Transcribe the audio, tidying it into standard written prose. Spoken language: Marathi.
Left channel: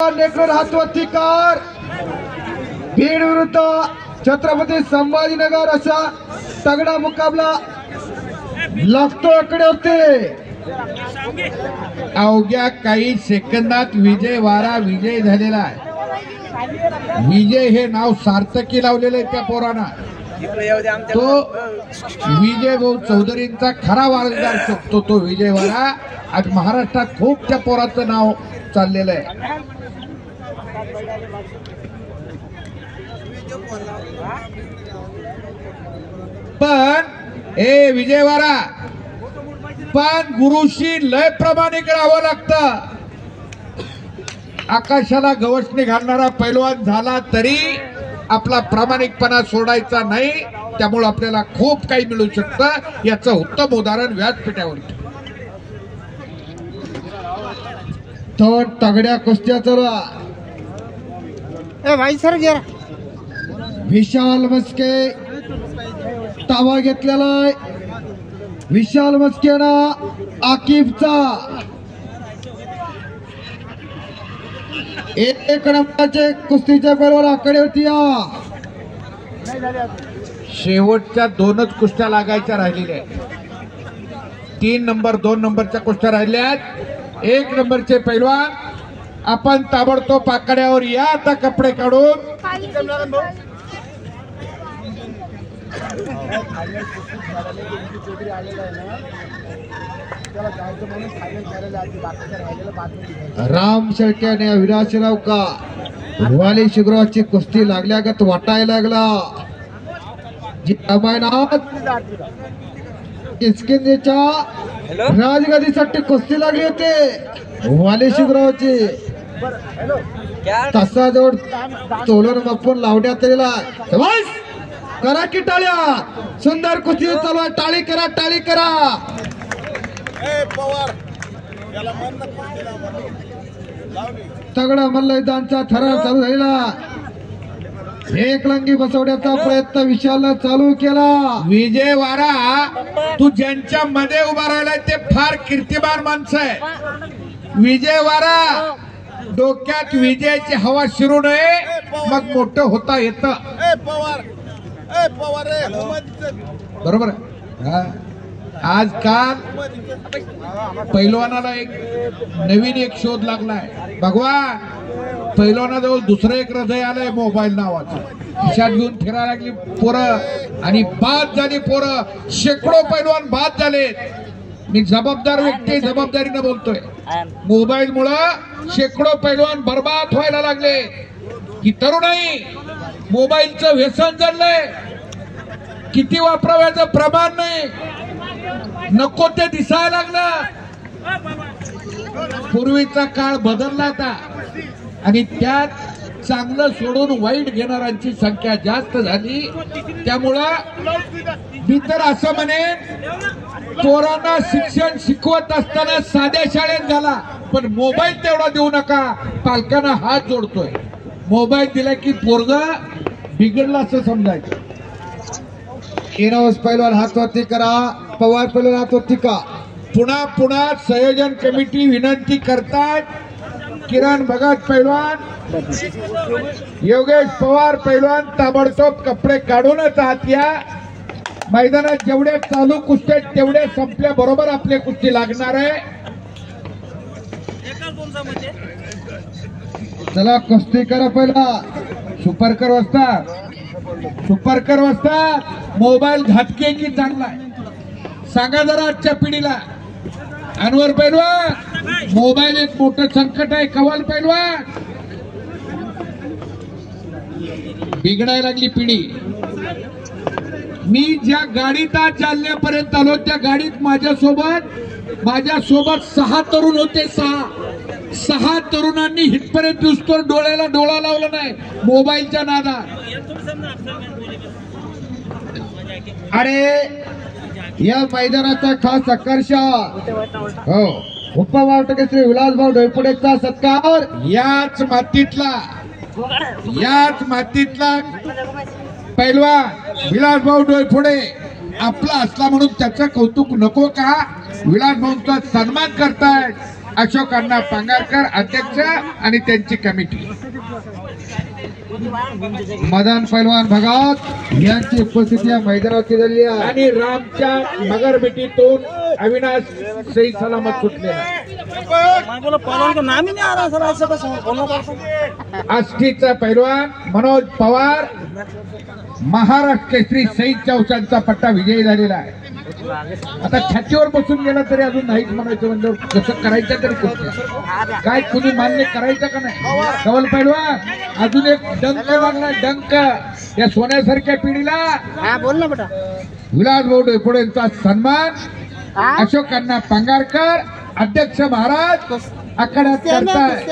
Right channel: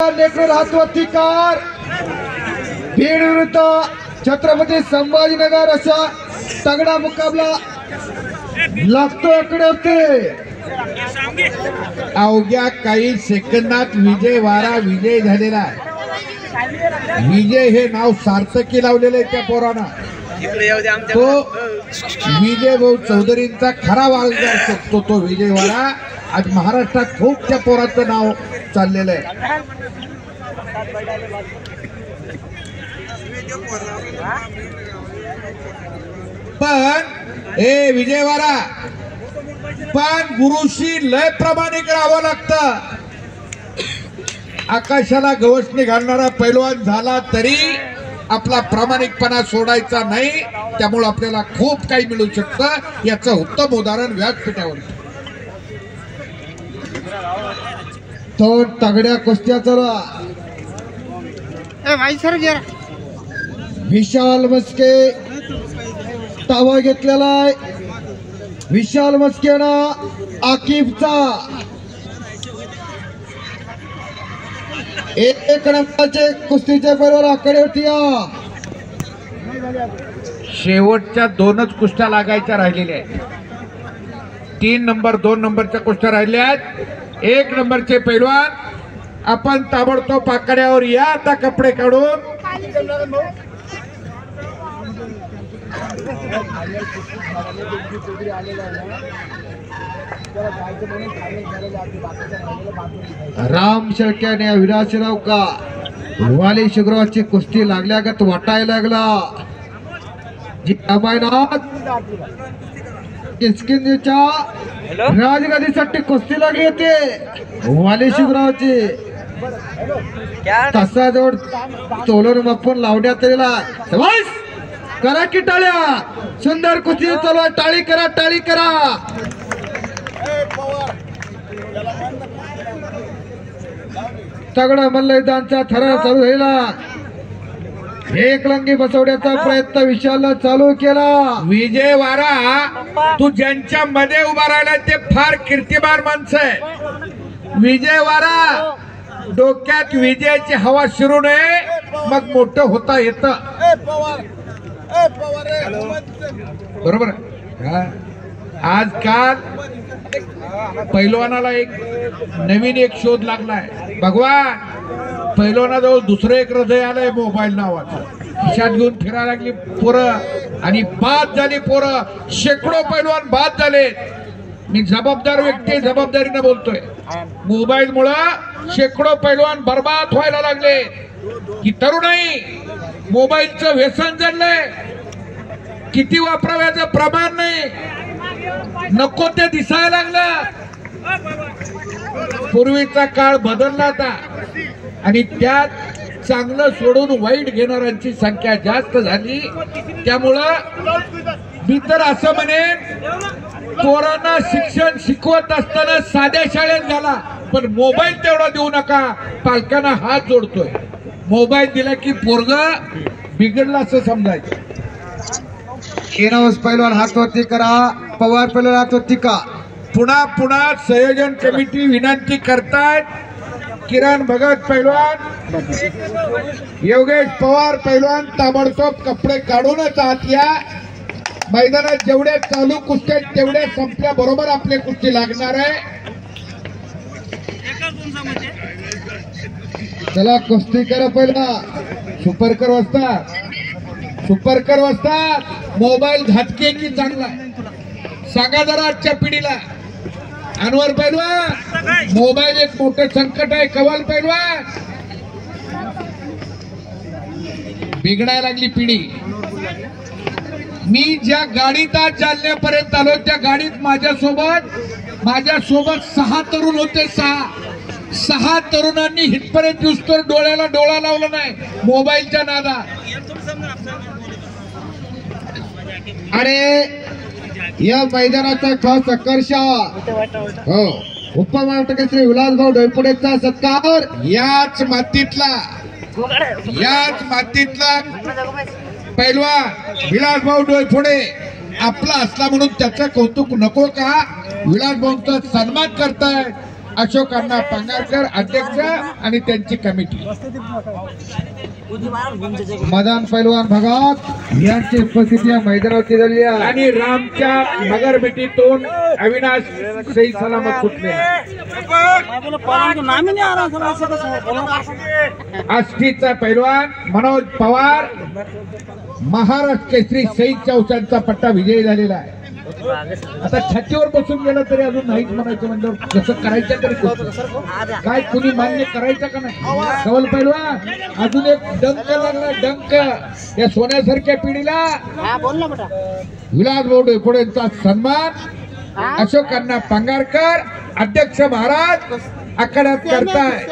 नेकडे हातवरती कार बीड विरुद्ध छत्रपती संभाजीनगर असा तगडा मुकाबला लागतो इकडे होते। अवघ्या काही सेकंदात विजय वारा विजय झालेला आहे। विजय हे नाव सार्थकी लावलेलं आहे त्या पोरांना। तो विजय भाऊ चौधरींचा खरा वारसदार शकतो तो विजय वारा। आज महाराष्ट्रात खूप त्या पोराचं नाव चाललेलं आहे। पण ए विजय वारा पण गुरुशी लय प्रामाणिक राहावं लागतं। आकाशाला गवसणी घालणारा पैलवान झाला तरी आपला प्रामाणिकपणा सोडायचा नाही। त्यामुळे आपल्याला खूप काही मिळू शकतं। याचं उत्तम उदाहरण व्यासपीठावर तो तगड्या कुस्त्याचा विशाल मस्के ताबा घेतलेला आहे। विशाल मस्केनं आकिफचा एक नंबरचे कुस्तीच्या बरोबर आकडे होती। शेवटच्या दोनच कुस्त्या लागायच्या राहिलेल्या आहेत। 3 नंबर 2 नंबरच्या कुस्त्या राहिल्या आहेत। 1 नंबरचे पैलवान आपण ताबडतोब आकड्यावर या। आता कपडे काढून राम शेळके आणि विराजराव का वाली शुक्रवारची कुस्ती लागल्यागत वाटायला लागला। जी अमायनाथ किसकिंदच्या राजगादीसाठी कुस्ती लागली होती वाली शुक्रवारची। तसा जोड चोलन मापून लावण्यात आलेला। करा की टाळ्या। सुंदर कुस्ती चालू आहे। टाळी करा टाळी करा। तगडा मल्लयुद्धांचा थरार चालू झाला। एक लंगी बसवण्याचा प्रयत्न विशालने चालू केला। विजय वारा तू ज्यांच्या मध्ये उभा राहिला ते फार कीर्तिमान माणसं आहे। विजय वारा डोक्यात विजयाची हवा शिरू नये मग मोठं होता येतं। बरोबर आजकाल पैलवानाला एक नवीन शोध लागलाय। भगवान पैलवानाजवळ दुसरं एक हृदय आलंय मोबाईल नावाचं। खिशात घेऊन फिरायला लागली पोरं आणि बाद झाली पोरं। शेकडो पैलवान बाद झाले। मी जबाबदार व्यक्ती जबाबदारीने बोलतोय। मोबाईल मुळे शेकडो पैलवान बर्बाद व्हायला लागले। ही तरुणाई मोबाईलचं व्यसन झालंय। किती वापराव्याचं प्रमाण नाही। नको ते दिसायला लागलं। पूर्वीचा काळ बदलला आता आणि त्यात चांगलं सोडून वाईट घेणाऱ्यांची संख्या जास्त झाली। त्यामुळं मी तर असं म्हणेन पोरांना शिक्षण शिकवत असताना साध्या शाळेत घाला पण मोबाईल तेवढा देऊ नका। पालकांना हात जोडतोय। मोबाईल दिला की पोरगा बिघडला असं समजायचं। इनोस पैलवान हातवरती करा। पवार पैलवान हातवरती का। पुन्हा संयोजन कमिटी विनंती करतायत किरण भगत पैलवान योगेश पवार पैलवान ताबडतोब कपडे काढूनच आत या। मैदानात जेवढे चालू कुस्त्या तेवढे संपल्या बरोबर आपले कुस्ती लागणार आहे। चला कुस्ती करा। पहिला सुपरकर वाजता मोबाईल घातके की चांगला आहे सांगा जरा आजच्या पिढीला। अनवर पैलवान मोबाईल एक मोठं संकट आहे। कवाल पैलवान बिघडायला लागली पिढी। मी ज्या गाडीत आज जालन्यापर्यंत आलो त्या गाडीत माझ्यासोबत 6 तरुण होते। 6 तरुणांनी हितपर्यंत दिसतोर डोळ्याला डोळा लावला नाही मोबाईलच्या नादात। अरे या मैदानाचा खास आकर्षण उपमहाराष्ट्र श्री विलासभाऊ ढोयफोडेचा सत्कार। याच मातीतला पैलवान विलासभाऊ ढोयफोडे आपला असला म्हणून त्याचं कौतुक नको का? विलासभाऊंचा सन्मान करतायत। अशोक अण्णा पांगारकर अध्यक्ष आणि त्यांची कमिटी. मदान पैलवान भगत यांची उपस्थिती या मैदानावरती झाली आहे. आणि रामच्या मगरबेटीतून अविनाश सही सलामत सुटले. आष्टीचा पैलवान मनोज पवार महाराष्ट्र केसरी सईद चौसांचा पट्टा विजयी झालेला आहे. आता छातीवर बसून गेला तरी अजून नाहीच म्हणायचं म्हणजे जसं करायचं तरी कोणतं काय कुणी मान्य करायचं का नाही. कवल पैलवान अजून एक डंक लागला डंक या सोन्यासारख्या पिढीला. विलास भाऊ डेपुडेंचा सन्मान अशोक अण्णा पांगारकर अध्यक्ष महाराज आखाड्यात करताय.